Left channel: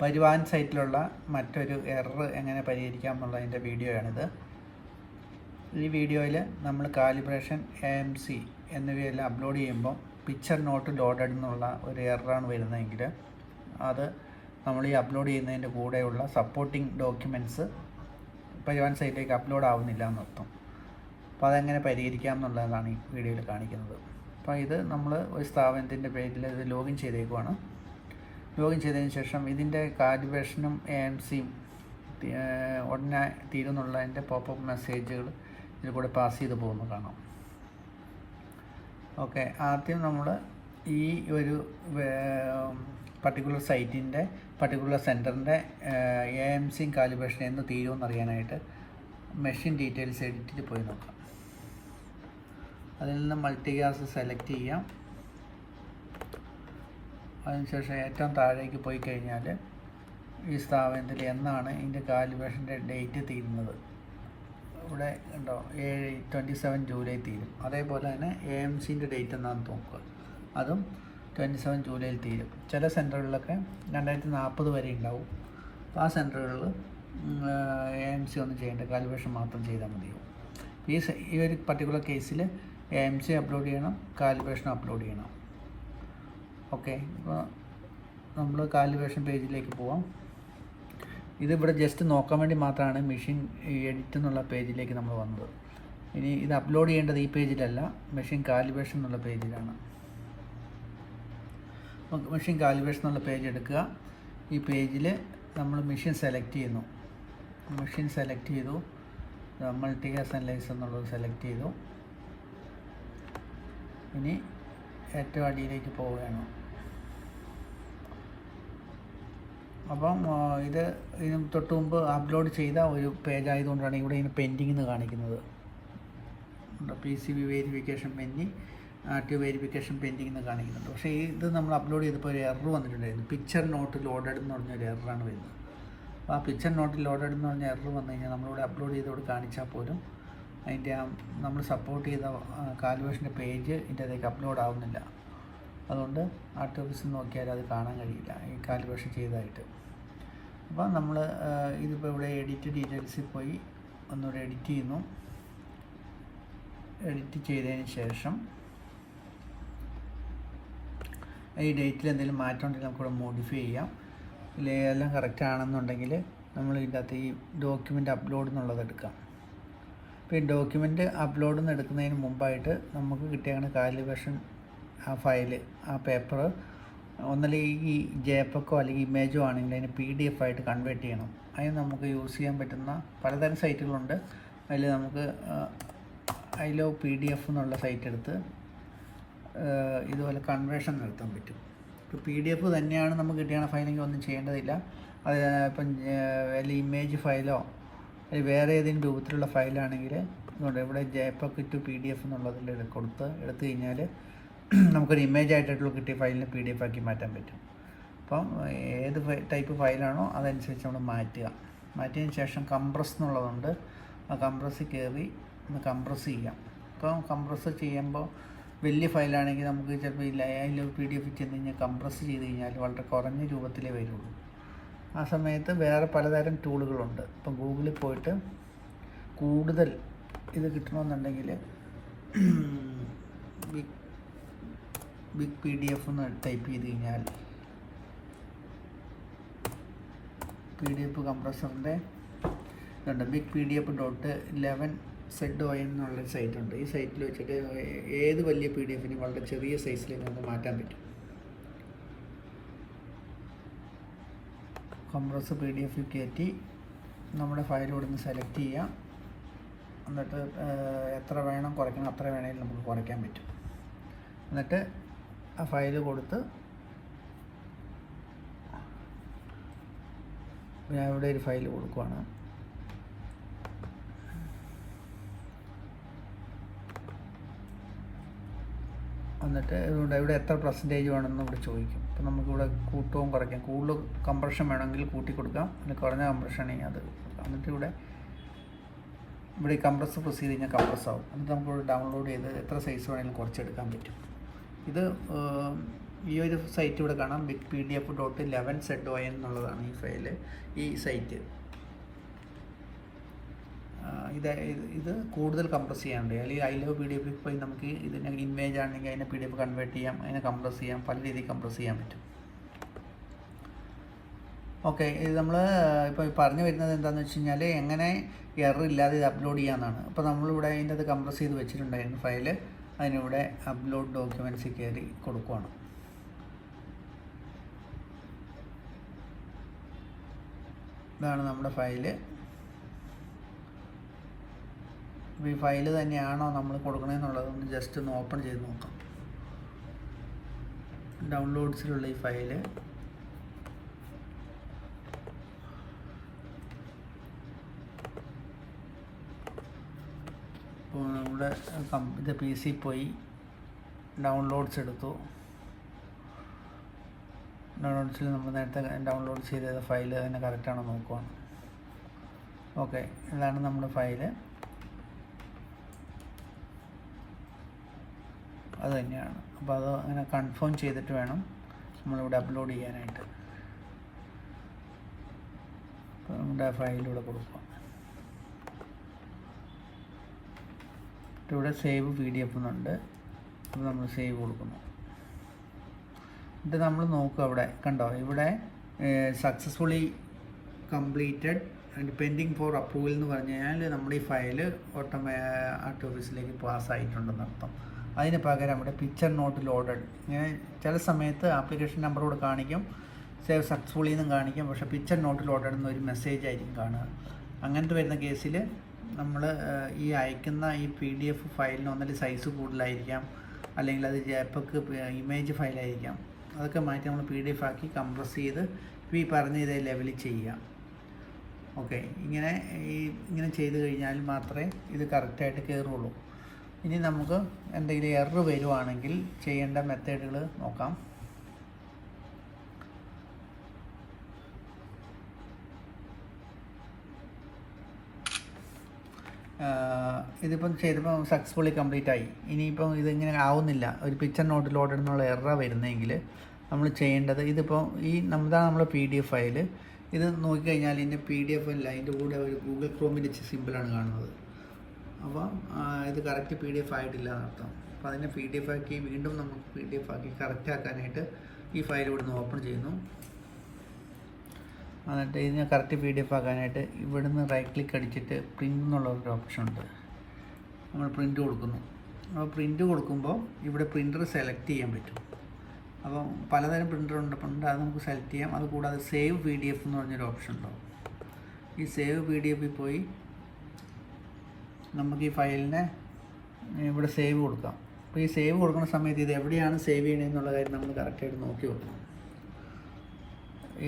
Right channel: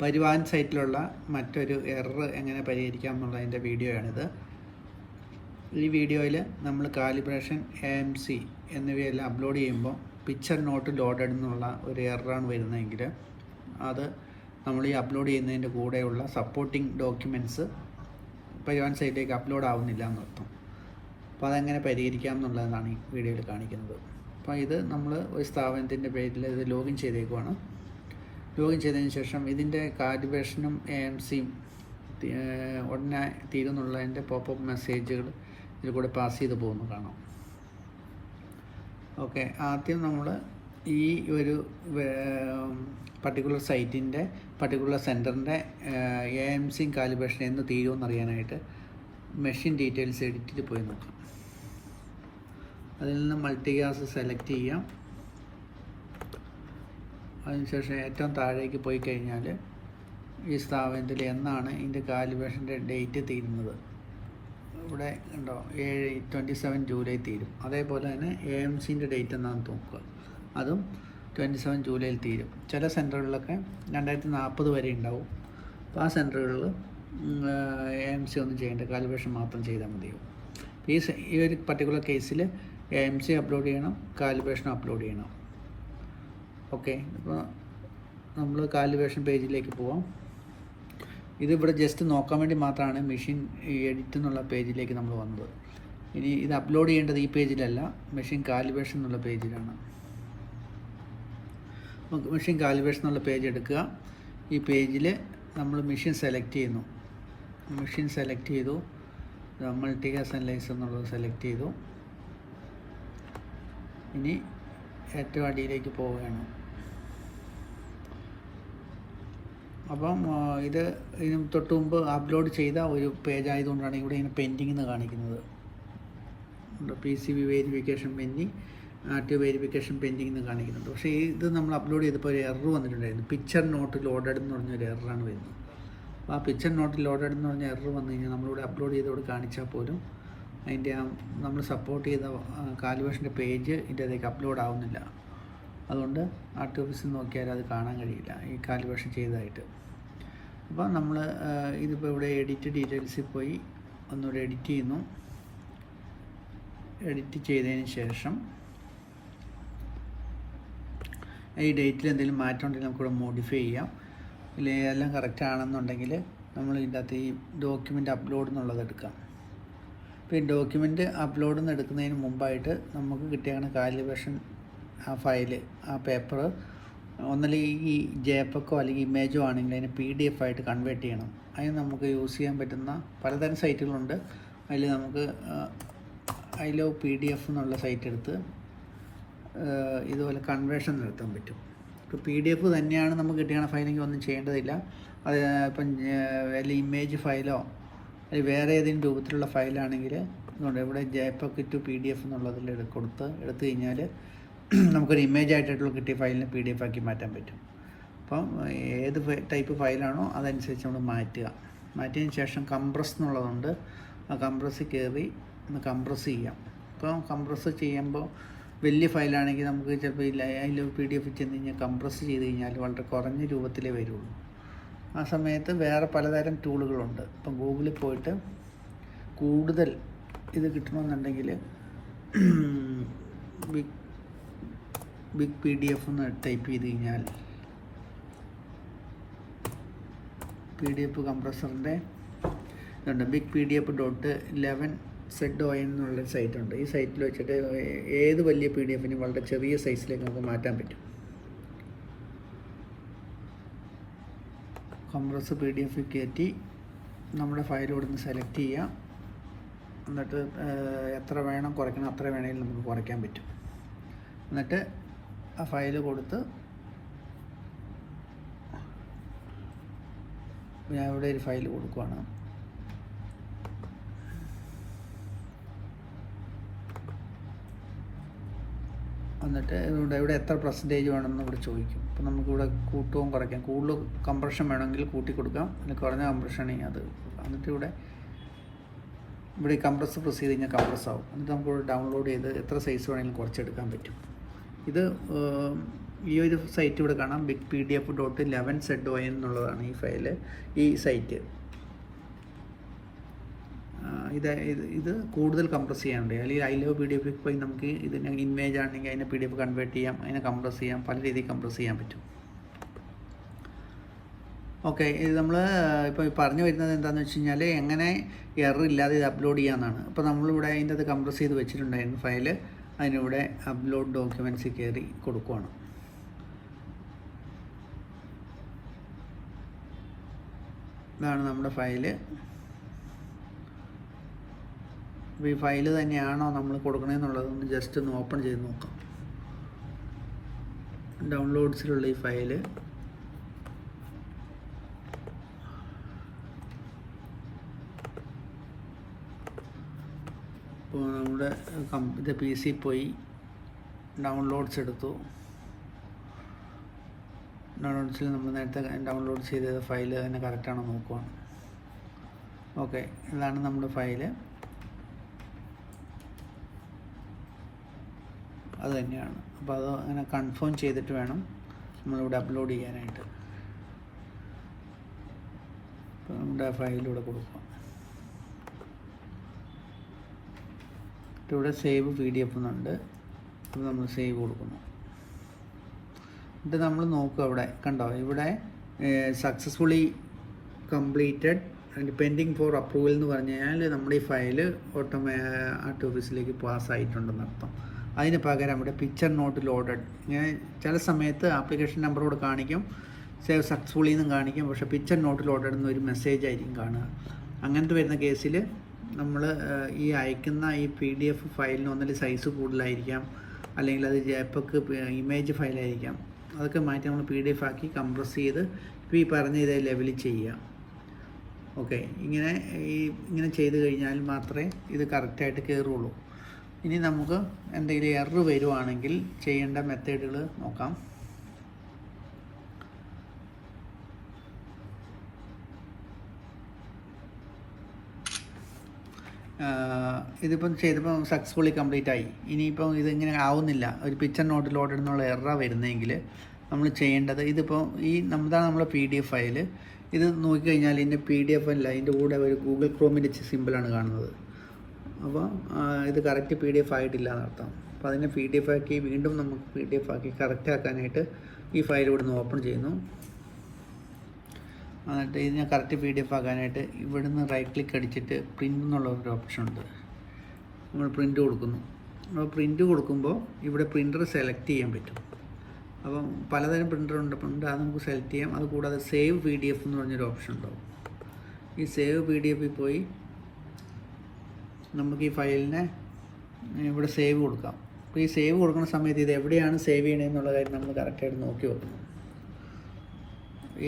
പരിവാഹൻ സൈറ്റിലുള്ള മറ്റൊരു എറർ എങ്ങനെ പരിഹരിക്കാം എന്നുള്ളതിൻ്റെ വീഡിയോയാണിത്. ഈ വീഡിയോയിൽ നമ്മൾ കാലിബ്രേഷൻ, AMC എന്നിവയെല്ലാം അപ്ലോഡ് ചെയ്യുമ്പോൾ പിക്ചർ നോട്ട് ലോഡഡ് എന്നുള്ള ഒരു എററാണ് വരുന്നതെങ്കിൽ അത് നമ്മൾ ഈ അപ്ലോഡ് ചെയ്യുന്നതിൻ്റെ കൂടെയുള്ള സപ്പോർട്ടിംഗ് ഡോക്യുമെൻറ്റ്സ് പരിവാഹൻ സൈറ്റിലേക്ക് അപ്ലോഡ് ആവുന്നില്ല എന്നർത്ഥം. അപ്പോൾ അതെങ്ങനെ പരിഹരിക്കാം എന്നുള്ളതാണ് ഈ വീഡിയോയിൽ കാണിക്കുന്നത്. അപ്പോൾ ഇത് നമ്മൾ ഒരു സ്ഥാപനത്തിൻ്റെ പേരിൽ ഇത് ലോഗിൻ ചെയ്തേക്കുവാണ്. ലോഗിൻ ചെയ്തതിന് ശേഷം ഇതിൻ്റെ കാലിബ്രേഷനും AMCയും ഉടനെ തീരുന്നുള്ളതിൻ്റെ പോപ്പപ്പ് മെസ്സേജുകൾ ഇതിൽ കൂടെ പാസ് ചെയ്ത് പോകുന്നു കാണാം. ഓക്കെ, ആദ്യം നമ്മൾ ഈ ഒരു പർട്ടിക്കുലർ സൈറ്റിൻ്റെ പർട്ടിക്കുലർ സെൻറ്ററിൻ്റെ AMCയും കാലിബ്രേഷൻ എന്ന് തീരുമെന്ന് അറിയാനായിട്ട് മെഷീൻ ഡീറ്റെയിൽസ് എഡിറ്റിൽ പോയി നോക്കാം. അതിൽ നിന്ന് മൾട്ടികാസ്റ്റ് സെലക്ട് ചെയ്യാം. അതിനുശേഷം ഏറ്റവും താഴേക്ക് പോയി കഴിഞ്ഞാൽ ഈ സ്ഥാപനത്തിൽ എന്നാണ് ഇതിൻ്റെ കാലിബ്രേഷൻ്റെ ഡേറ്റ് തീരുന്നത് ഇവിടെ ഉണ്ടോ, 27 ജൂലൈ തീരും. അതേപോലെ തന്നെ AMCൻ്റെ ഡേറ്റ് എന്നാണെന്ന് നോക്കുക, അതും 27 ജൂലൈയിൽ തീരും. ചില സെൻറ്ററുകളിലൊക്കെ 2040 വരെ ഉണ്ടാവും. അപ്പോൾ ആ സെൻറ്ററുകളിൽ AMC ഒന്നും ചെയ്യേണ്ട, കാലിബ്രേഷൻ മാത്രം ചെയ്താൽ മതി. ഈ ഒരു പർട്ടിക്കുലർ കേസിൽ AMC അപ്ലോഡ് ചെയ്യണം, കാലിബ്രേഷൻ അപ്ലോഡ് ചെയ്യണം. ഓക്കെ, അപ്പോൾ നമ്മൾ കാലിബ്രേഷൻ പേജിലേക്ക് പോവാം. ഇതിവിടെ ജസ്റ്റ് നോക്കാൻ വേണ്ടി മാത്രമാണ് മെഷീൻ എഡിറ്റ് എന്നുള്ള പേജിലേക്ക് നമ്മൾ വന്നത്. ഇനി ഇത് അപ്ലോഡ് ചെയ്യേണ്ടത് ഈ പേജിലല്ല, മെഷീൻ കാലിബ്രേഷൻ എന്നുള്ള പേജിലാണ്. മെഷീൻ കാലിബ്രേഷൻ എന്നുള്ള പേജ് എടുക്കുക. ഈ പേജിൽ നമ്മൾ മെഷീൻ സെലക്ട് ചെയ്യുന്നു. മെഷീൻ സെലക്ട് ചെയ്തു, മൾട്ടികാസ്റ്റ് അനലൈസർ എന്നുള്ളത് സെലക്ട് ചെയ്തു. ഇനി ഏറ്റവും അടിയിലേക്ക് പോവുകയാണ്. അപ്പം ഇതിന് തൊട്ട് മുമ്പ് അപ്ലോഡ് ചെയ്ത ഒരു പേജ് ആയതുകൊണ്ടാണ് ഇവിടെ ഇതിന് പെൻഡിങ് എന്ന് കാണിക്കുന്നത്. PCB verification pending, RTO verification pending എന്ന് കാണിക്കുന്നുണ്ട്. പക്ഷേ ഇത് നമ്മൾ അപ്ലോഡ് ചെയ്തപ്പോൾ ഒരു എറർ വന്നിട്ടുണ്ടായിരുന്നു. പിക്ചർ നോട്ട് ലോഡഡ് എന്ന് പറഞ്ഞൊരു എററാണ് വരുന്നത്. അപ്പോൾ ആ പിക്ചർ നോട്ട് ലോഡഡ് എന്ന് പറഞ്ഞ എറർ വന്നു കഴിഞ്ഞാൽ നമ്മളിവിടെ അപ്ലോഡ് ചെയ്തവിടെ കാണിച്ചാൽ പോലും അതിൻ്റെ നമ്മൾ സപ്പോർട്ട് ചെയ്ത കാലിബ്രേഷൻ്റെ പേജ് ഇതിൻ്റെതിലേക്ക് അപ്ലോഡ് ആവുന്നില്ല. അതുകൊണ്ട് RTO ഓഫീസിൽ നോക്കിയാൽ അത് കാണാൻ കഴിയില്ല ഈ കാലിബ്രേഷൻ ചെയ്തതായിട്ട്. അപ്പോൾ നമ്മൾ ഇതിപ്പോൾ ഇവിടെ എഡിറ്റ് ഡീറ്റെയിൽസിൽ പോയി ഒന്നുകൂടെ എഡിറ്റ് ചെയ്യുന്നു. എഡിറ്റ് ചെയ്തതിന് ശേഷം ഈ ഡേറ്റിൽ എന്തെങ്കിലും മാറ്റം ഉണ്ടെങ്കിൽ നമുക്കിവിടെ മോഡിഫൈ ചെയ്യാം. ഇല്ല എല്ലാം കറക്റ്റ് ആണെന്നുണ്ടെങ്കിൽ നമ്മൾ ഇതിൻ്റെ അകത്ത് ഈ ഡോക്യുമെൻ്റ് അപ്ലോഡ് എന്നുള്ളത് എടുക്കാം. ഇപ്പോൾ ഈ ഡോക്യുമെൻ്റ് അപ്ലോഡ് നിന്ന് എടുക്കുന്നതിന് മുമ്പായിട്ട് നമുക്ക് കിട്ടിയാണ് കാലിബ്രേഷൻ ആ ഫയല്, ആ പേപ്പർ ഒന്നല്ലെങ്കിൽ ഈ JPEG അല്ലെങ്കിൽ ഇമേജോ ആണെങ്കിൽ അതിന് PDF ആയിട്ട് കൺവേർട്ട് ചെയ്യണം. അതിന് നമുക്ക് യൂസ് ചെയ്യാൻ പറ്റുന്ന പലതരം സൈറ്റുകളുണ്ട്. അതിൽ നമുക്ക് PDF എന്നുള്ള സൈറ്റ് എടുത്ത് ഇതുപോലെ കൺവേർഷൻ നടത്താൻ പറ്റും. ഇപ്പോൾ PDF തന്നെയാണ് നമുക്ക് കിട്ടിയാണ് ഫയലെങ്കിൽ ഒന്നും ചെയ്യേണ്ടതില്ല. അത് ഇപ്പം വല്ല ഇമേജ് ഫയലോ അല്ലെങ്കിൽ വേറെ ഏതെങ്കിലും രൂപത്തിലുള്ള ഫയലാണെങ്കിൽ ഇവിടെ JPEG to PDF എന്നുള്ളതിൽ എടുത്തു കഴിഞ്ഞാൽ നമുക്കൊരു ഇമേജ് ആയിട്ടുള്ള കിട്ടിയ ഫയലിനെ PDF ആക്കി മാറ്റാൻ പറ്റും. അപ്പം ഏത് ടൈപ്പ് ഫയലാണോ അതനുസരിച്ച് നമ്മൾ മാറ്റിയതിന് ശേഷം കംപ്രസ് എന്നുള്ളതുണ്ട്. ആ കംപ്രസ് കയറി ഒന്ന് കംപ്രസ് ചെയ്യാം. ഇപ്പം കംപ്രസ് ചെയ്യുമ്പോൾ വലിയ ഫയലാണെങ്കിൽ നമുക്ക് ചിലപ്പോൾ അതിൽ PDF ചെന്ന് കഴിഞ്ഞാൽ കംപ്രസ് ചെയ്ത് കഴിഞ്ഞാൽ വളരെ കുറഞ്ഞ രൂപത്തിലേ വരുള്ളൂ. ആ സമയത്ത് വേറെ പലതരം ടൂളുകളുണ്ട്. ഇപ്പം ഗൂഗിളിൽ പോയിട്ട് കൂടുതൽ ഇത് കിട്ടണമെന്നുണ്ടെങ്കിൽ ബിഗ് PDF എന്ന് ടൈപ്പ് ചെയ്ത് കഴിഞ്ഞാൽ PDF കംപ്രസറിൻ്റെ ഇതുണ്ട്. ബിഗ് PDF.11ZON എന്നുള്ള സൈറ്റുണ്ട്. ഈ സൈറ്റിൽ വെച്ചിട്ട് ഏത് വലിയ PDFനും വളരെ ചെറിയ സൈസിലേക്ക് നമുക്ക് മാറ്റാൻ പറ്റും. കംപ്രസ് PDF കയറ്റി നമ്മുടെ ഫയൽ ഇവിടുന്ന് സെലക്ട് ചെയ്യാം. എന്നിട്ട് എത്ര വേണം കുറയ്ക്കണം അത്ര വേണമെങ്കിൽ നമുക്ക് കുറയ്ക്കാൻ പറ്റും. എന്നിട്ട് ആ ഫയൽ കൊടുത്ത് ഞാൻ ഇവിടെ ഒരു ഫയൽ കൊടുക്കുകയാണ്. എന്നിട്ട് ഇതുകൊണ്ട് ഇവിടെ എത്ര പെർസെൻറ്റേജ് വേണമെന്ന് ഇവിടെ ചോദിക്കും. അപ്പോൾ നമുക്കിവിടെ കൂട്ടവും കുറയ്ക്കാം. കൂടുതൽ കംപ്രഷൻ വേണമെങ്കിൽ കൂട്ടി കൊടുക്കാം, അല്ലെങ്കിൽ കുറഞ്ഞ കംപ്രഷൻ ആണെങ്കിൽ അത് കൊടുക്കാം. എന്നിട്ട് ഇവിടെ കംപ്രസ് പ്രസ് ചെയ്ത് കഴിഞ്ഞാൽ കംപ്രസ് ആവും. എന്നിട്ട് നമുക്കിവിടെ ഡൗൺലോഡ് ചെയ്ത് എത്ര സൈസ് വേണമെങ്കിലും കുറച്ചെടുക്കാൻ പറ്റും. ഇത് ഈ ഒരു സൈറ്റ് ഇവിടെ കാണാം, bigpdf.11zon എന്നുള്ളതാണ് ഈ ഫയല്, ഈ സൈറ്റ്. ഇത് കൂടുതൽ കംപ്രസ് ചെയ്യാനുണ്ട്. അല്ലെങ്കിൽ ഐ ലവ് PDF പോയി നമുക്ക് ഇതിന് ഇമേജ് ആണെങ്കിൽ അതിനെ PDF കൺവേർട്ട് ചെയ്യാം, അതിനെ കംപ്രസ് ചെയ്യാം, പല രീതിയിൽ കംപ്രസ് ചെയ്യാൻ പറ്റും. ഓക്കെ, ഇത് നമ്മൾ ഇപ്പോൾ പറഞ്ഞു വരുന്നത് എന്താണെന്ന് വെച്ച് കഴിഞ്ഞാൽ എങ്ങനെ എറർ ഇല്ലാതെ ഇത് അപ്ലോഡ് ചെയ്യാമെന്നാണ്. അപ്പോൾ നമ്മളിവിടെ അതിൻ്റെ അത് കംപ്രസ് ചെയ്ത് വെച്ചിട്ടുണ്ടായിരുന്നു ഫയല്. അതിനിവിടെ അപ്ലോഡ് ഡോക്യുമെൻറ്റ്സ് കയറി കൊടുക്കുകയാണ്. ഇതാണ് നമ്മുടെ ഫയല്. അപ്പോൾ ഈ ഫയല് തന്നെയാണോ നമ്മൾ കൊടുക്കണമെന്നുള്ളതൊന്ന് ജസ്റ്റ് ഒന്ന് ഓപ്പൺ ചെയ്ത് നോക്കാം. ഡൗൺലോഡ്സിലുള്ള ഈ ഫയല് ഇപ്പോൾ നമ്മുടെ ഇത് PC പോയി ഡൗൺലോഡ്സ് എടുത്തു. ഡൗൺലോഡ്സിൽ നമ്മൾ നേരത്തെ ഡൗൺലോഡ് ചെയ്ത ഫയൽ തന്നെ കറക്റ്റാണോ നോക്കുക. ഓക്കെ, ഇതാണ് നമ്മുടെ ഫയല്, അത് തന്നെയാണ്. അപ്പോൾ അത് അങ്ങനെ കൺഫേം ചെയ്തിട്ട് വേണം നമ്മളിവിടെ അപ്ലോഡ് ചെയ്യാനായിട്ട്. നമ്മുടെ ഫയലിലൂടെ കൊടുക്കാം. ഇവിടെ സേവ് PDF എന്നുണ്ട്, അത് നമ്മൾ സേവ് കൊടുക്കുന്നു. ഇത് നമ്മൾ നോക്കുക, അവിടെ കണ്ടോ, ഇവിടെ successfully completed and pending four approval എന്ന് പറഞ്ഞു കഴിഞ്ഞാൽ നമ്മുടെ ഈ ഫയൽ ഓട്ടോഫീസിലേക്ക് പാസ്സായിട്ടുണ്ടെന്ന് അർത്ഥം. അതിന് പകരം അവിടെ പിക്ചർ നോട്ട് ലോഡഡ്, ഇങ്ങനെ ചില സമയത്ത് ആപ്ലിക്കേഷൻ നമ്പറോട് കാണിക്കും, സേവ് സക്സസ്ഫുള്ളി എന്നും കാണിക്കും, പക്ഷേ പിക്ചർ നോട്ട് ലോഡഡ് എന്നൊരു മെസ്സേജ് ആയിരിക്കും കാണുക. അങ്ങനത്തെ വരുന്ന കേസിൽ നമ്മൾ ഈ അയക്കുന്ന ഈ PDF ഫയലിന് ഒന്നല്ല സൈസ് കൂടുതലായിരിക്കാം, അല്ലെങ്കിൽ അത് JPEG ഇമേജ് ഫയലായിരിക്കാം. അതൊക്കെ മാറ്റി നമ്മൾ PDF ആക്കി കംപ്രസ് ചെയ്ത് ഇപ്പോൾ ഈ പറഞ്ഞ ഇതേ ലെവലിൽ ചെയ്യാം. ഓക്കെ, ഇങ്ങനെ ചെയ്ത് കഴിഞ്ഞാൽ മാത്രമേ ഇത് കറക്റ്റായിട്ട് കയറുള്ളൂ. ഇനി നമുക്ക് എന്തെങ്കിലും എറർ വരുവാണെങ്കിൽ ചെയ്യേണ്ട മെത്തേഡുകൾ നോക്കാം. ഇതിപ്പം ചെയ്തപ്പോൾ സക്സസ്ഫുള്ളി കംപ്ലീറ്റ് ആയി. ഇനിയിപ്പം ഇതിങ്ങനെ ആവുന്നില്ല, ഒരു പിക്ചർ നോട്ട് ലോഡഡ് എന്നുള്ള എറർ വരുന്നതെങ്കിൽ നമ്മൾ ചെയ്യേണ്ടത്, ഇതിപ്പോൾ ഇതാണ് നമ്മളെ PDF ഫയൽ. ഇത് നോക്കിക്കഴിഞ്ഞാൽ ഇതിൻ്റെ PDF അല്ല, ഇതിൻ്റെ കൂടെ ഒരു ഗൂഗിൾ ക്രോമിൻ്റെ സിമ്പിളാണ് കാണുന്നത്. അപ്പോൾ ഇത് കറക്റ്റ് PDF ആയിട്ടില്ല എന്നർത്ഥം. അപ്പോൾ അതിനെ PDF ആക്കി വീണ്ടും നമുക്ക് PDF ആക്കി കറക്റ്റ് ആക്കാനായിട്ട് ഈ ഫയൽ ഇവിടെ നിന്ന് ഓപ്പൺ ചെയ്യുന്നു. എന്നിട്ട് ഇതിനെ കറക്റ്റ് PDF ആക്കാനായിട്ട് ഇവിടുന്ന് റൈറ്റ് ക്ലിക്ക് അടിച്ചിട്ട് പ്രിൻ്റ് എന്നുള്ള ഒരു ഓപ്ഷൻ ഉണ്ട്, നമ്മൾ പ്രിൻ്റ് കൊടുക്കുന്നു. അപ്പോൾ പ്രിൻ്റ് കൊടുക്കുമ്പോൾ ഇവിടെ പ്രിൻ്റർ സെലക്ട് ചെയ്യാൻ പറ്റും. അപ്പം പലതരം പ്രിൻ്റർ ഉണ്ട്, അത് നമുക്ക് സെലക്ട് ചെയ്യാം. അതുകൂടാതെ സേവ് PDF എന്ന് പറഞ്ഞൊരു ഓപ്ഷൻ ഉണ്ടാവും. ഈ സേവ് PDFിൽ പോയി നമുക്ക് ഈ ഫയലിനെ ഇവിടെ സേവ് കൊടുക്കാം. അപ്പോൾ ഈ സേവ് കൊടുക്കുന്ന സമയത്ത് ഇത് എവിടെയാണ് സേവ് ചെയ്യണമെന്നുള്ള കാര്യം നമ്മൾ കറക്റ്റായിട്ട് നോക്കി വെക്കണം.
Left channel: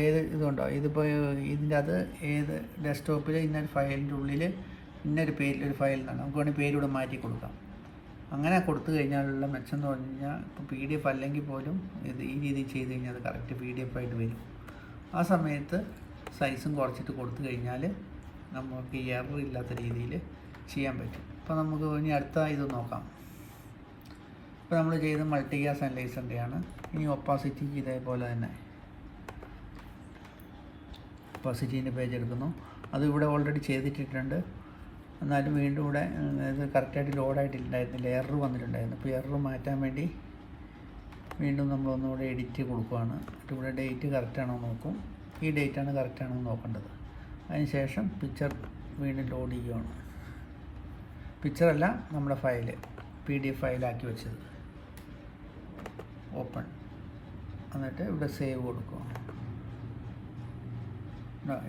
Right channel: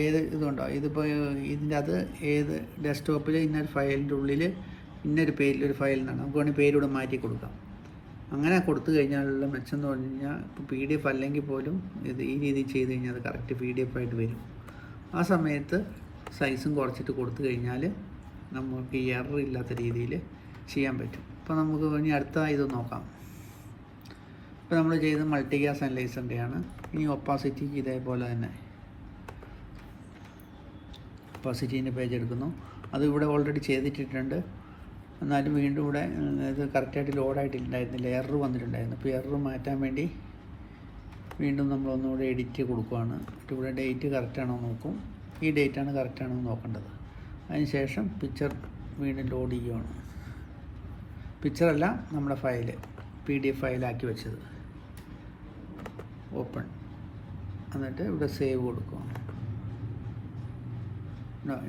ഏത് ഇതുണ്ടോ, ഇതിപ്പോൾ ഇതിൻ്റെ അത് ഏത് ഡെസ്ക്ടോപ്പിൽ ഇന്നൊരു ഫയലിൻ്റെ ഉള്ളിൽ ഇന്നൊരു പേരിലൊരു ഫയൽ എന്നാണ്, നമുക്ക് വേണമെങ്കിൽ പേരിലൂടെ മാറ്റി കൊടുക്കാം. അങ്ങനെ കൊടുത്തു കഴിഞ്ഞാലുള്ള മെച്ചം എന്ന് പറഞ്ഞു കഴിഞ്ഞാൽ ഇപ്പോൾ PDF അല്ലെങ്കിൽ പോലും ഇത് ഈ രീതിയിൽ ചെയ്ത് കഴിഞ്ഞാൽ അത് കറക്റ്റ് PDF ആയിട്ട് വരും. ആ സമയത്ത് സൈസും കുറച്ചിട്ട് കൊടുത്തു കഴിഞ്ഞാൽ നമുക്ക് ഈ എറർ ഇല്ലാത്ത രീതിയിൽ ചെയ്യാൻ പറ്റും. അപ്പോൾ നമുക്ക് ഇനി അടുത്ത ഇത് നോക്കാം. ഇപ്പോൾ നമ്മൾ ചെയ്ത മൾട്ടികാസ്റ്റ് അനലൈസറിൻ്റെയാണ്. ഇനി ഒപ്പാസിറ്റിക്ക് ഇതേപോലെ തന്നെ ഒപ്പാസിറ്റീൻ്റെ പേജ് എടുക്കുന്നു. അത് ഇവിടെ ഓൾറെഡി ചെയ്തിട്ടിട്ടുണ്ട്, എന്നാലും വീണ്ടും ഇവിടെ ഇത് കറക്റ്റായിട്ട് ലോഡായിട്ടില്ലായിരുന്നില്ല, എറർ വന്നിട്ടുണ്ടായിരുന്നു. അപ്പോൾ എറർ മാറ്റാൻ വേണ്ടി വീണ്ടും നമ്മളൊന്നുകൂടെ എഡിറ്റ് കൊടുക്കുകയാണ്. ഇവിടെ ഡേറ്റ് കറക്റ്റാണോ നോക്കും, ഈ ഡേറ്റാണ് കറക്റ്റാണോ നോക്കേണ്ടത്. അതിനുശേഷം പിക്ചർ വീണ്ടും ലോഡ് ചെയ്യുകയാണ്. പിക്ചറല്ല, നമ്മുടെ ഫയൽ PDF ഫയലാക്കി വെച്ചത് ഓപ്പൺ, എന്നിട്ട് ഇവിടെ സേവ് കൊടുക്കുക.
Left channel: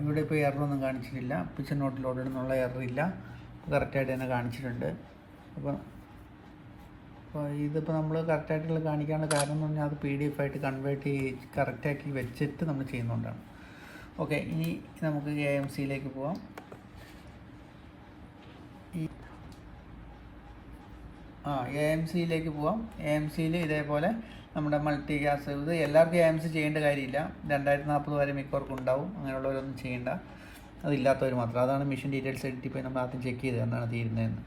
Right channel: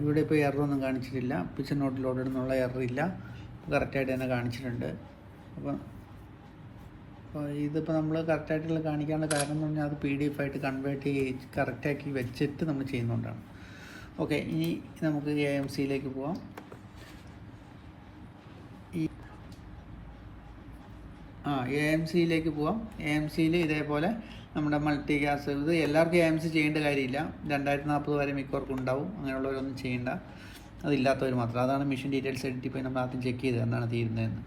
ഇവിടെ ഇപ്പോൾ എററൊന്നും കാണിച്ചിട്ടില്ല, പിക്ചർ നോട്ട് ലോഡഡ് എന്നുള്ള എററില്ല, കറക്റ്റായിട്ട് തന്നെ കാണിച്ചിട്ടുണ്ട്. അപ്പോൾ ഇതിപ്പോൾ നമ്മൾ കറക്റ്റായിട്ടുള്ള കാണിക്കാനുള്ള കാരണം എന്ന് പറഞ്ഞാൽ അത് PDF ആയിട്ട് കൺവേർട്ട് ചെയ്ത് കറക്റ്റാക്കി വെച്ചിട്ട് നമ്മൾ ചെയ്യുന്നതുകൊണ്ടാണ്. ഓക്കെ, ഇനി നമുക്ക് AMCയിലേക്ക് പോവാം. AMCയിലേക്ക് പോവാം. AMCയിൽ ഇതേപോലെ നമ്മുടെ മൾട്ടികാസ്റ്റ്, ഇത് എല്ലാവർക്കും AMC ചെയ്യേണ്ട കാര്യമില്ല, 2040 വരെ മിക്കവർക്കും ഉണ്ടാവും. അങ്ങനെയുള്ളവരൊന്നും ചെയ്യേണ്ട, അതില്ലാത്തവർ മാത്രം. അതാണ് മിഷൻ ഡീറ്റെയിൽസ് എഡിറ്റ് ഇപ്പോൾ നമ്മൾ ആദ്യം ചെക്ക് ചെയ്ത് എന്താണ് തീരുന്നതെന്ന്.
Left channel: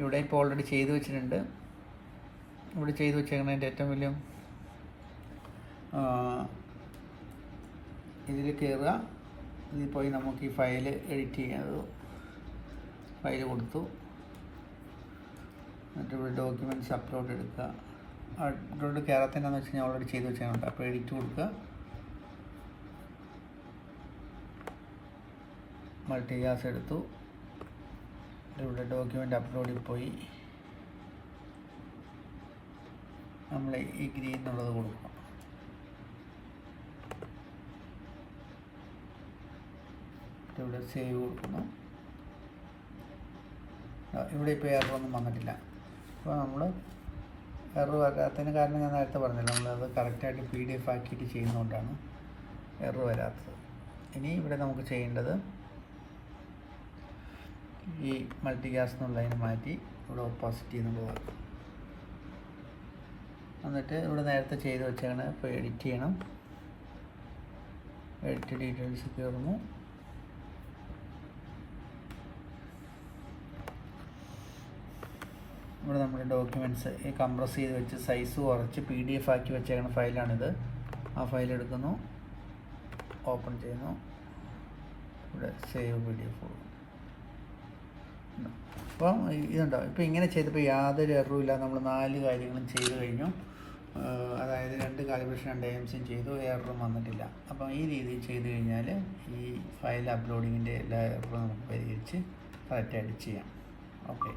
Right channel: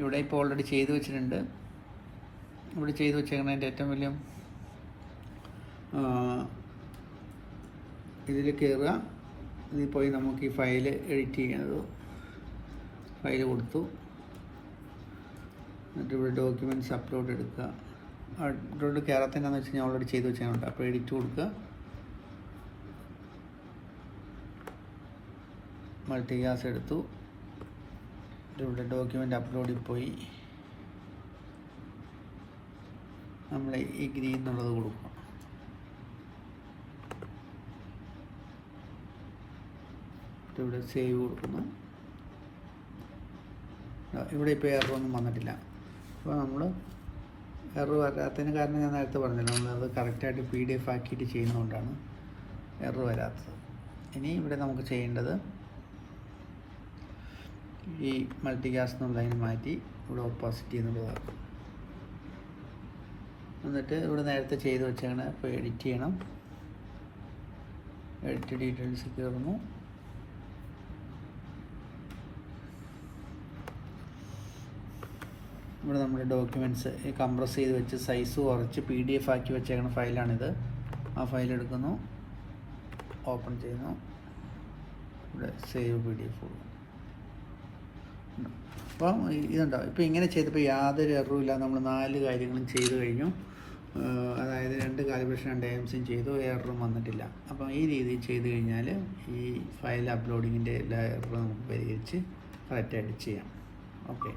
ഇവിടെ ഇപ്പോൾ ഓൾറെഡി ചെയ്ത് വെച്ചിട്ടുണ്ട്. ഇവിടെ ചെയ്ത് വെച്ചേക്കുന്നതിൻ്റെ ഏറ്റവും വലിയ ഇതിൽ കയറുക. ഇതിൽ പോയി നമുക്ക് ഈ ഫയൽ എഡിറ്റ് ചെയ്യുന്നത് ഫയൽ കൊടുത്തു. എന്നിട്ട് ഇവിടെ ഡോക്യുമെൻറ്റ്സ് അപ്ലോഡ് എടുക്കുക. അപ്ലോഡ് കയറത്തന്നെന്ന് വെച്ച് കഴിഞ്ഞാൽ ഓൾറെഡി ചെയ്ത് വെച്ചാൽ അപ്പോൾ എഡിറ്റ് കൊടുക്കുക. മൾട്ടികാസ് എടുത്തു. ഇവിടെ ഡോക്യുമെൻ്റ് അപ്ലോഡിൽ പോയി നമ്മൾ ഈ ഗ്രീൻ എന്നുള്ളത് കൊടുക്കും. ഇവിടെ സേവ് കൊടുക്കുന്നു. ഇവിടെ ഇപ്പോൾ എററൊന്നും വന്നിട്ടില്ല. അപ്പോൾ നമ്മൾ എറർ വരാത്തതിന് കാരണം ഞാൻ നേരത്തെ പറഞ്ഞില്ല, നമ്മളത് കറക്റ്റായിട്ട് PDF ആക്കിയിട്ട് ചെയ്യുന്നതുകൊണ്ടാണ് എറർ വരാത്തത്. ഇനി ഇവിടെ നമുക്ക് ചെയ്യേണ്ടത് ഈ മൾട്ടികാസ്റ്റ് എന്നുള്ളതിന് മാറ്റി ഇവിടെ ഓപ്പോസിറ്റ് എന്നുള്ളത്, എന്നിട്ട് ഇവിടെ നേരത്തെ ചെയ്ത് വെച്ചാണ്. അപ്പോൾ എഡിറ്റ് ചെയ്യണം. എഡിറ്റ് ഡീറ്റെയിൽസ് കയറുന്നു. ഇവിടെ നമ്മൾ ഡോക്യുമെൻറ്റ്സ് ഈ കംപ്രസ് ചെയ്ത് വെച്ച് സൈസ് കുറച്ച് PDF ആക്കി വെച്ചേക്കുന്ന ഫയലാണിത്. ആ ഫയൽ എടുക്കുന്നു, ഓപ്പൺ ചെയ്യുന്നു. ഇവിടെ സേവ് PDF. അപ്പോൾ ഇതുണ്ടാവും. ഇപ്പോൾ ഇങ്ങനെ ചെയ്തപ്പോൾ യാതൊരു എററും ഇല്ല. നമ്മൾ 4 കാര്യങ്ങളും ചെയ്ത് കഴിഞ്ഞു. അതായത് 2 കാലിബ്രേഷൻ 2 AMCയും ചെയ്തു, എററും വന്നിട്ടില്ല. അപ്പം ഈ രീതിയിൽ ചെയ്ത് കഴിഞ്ഞാൽ ഈ ഫയൽ അപ്ലോഡിങ്ങിൻ്റെ എല്ലാ എററും നമുക്ക് പരിഹരിച്ച് കറക്റ്റായിട്ട് ചെയ്യാം. ഓക്കെ.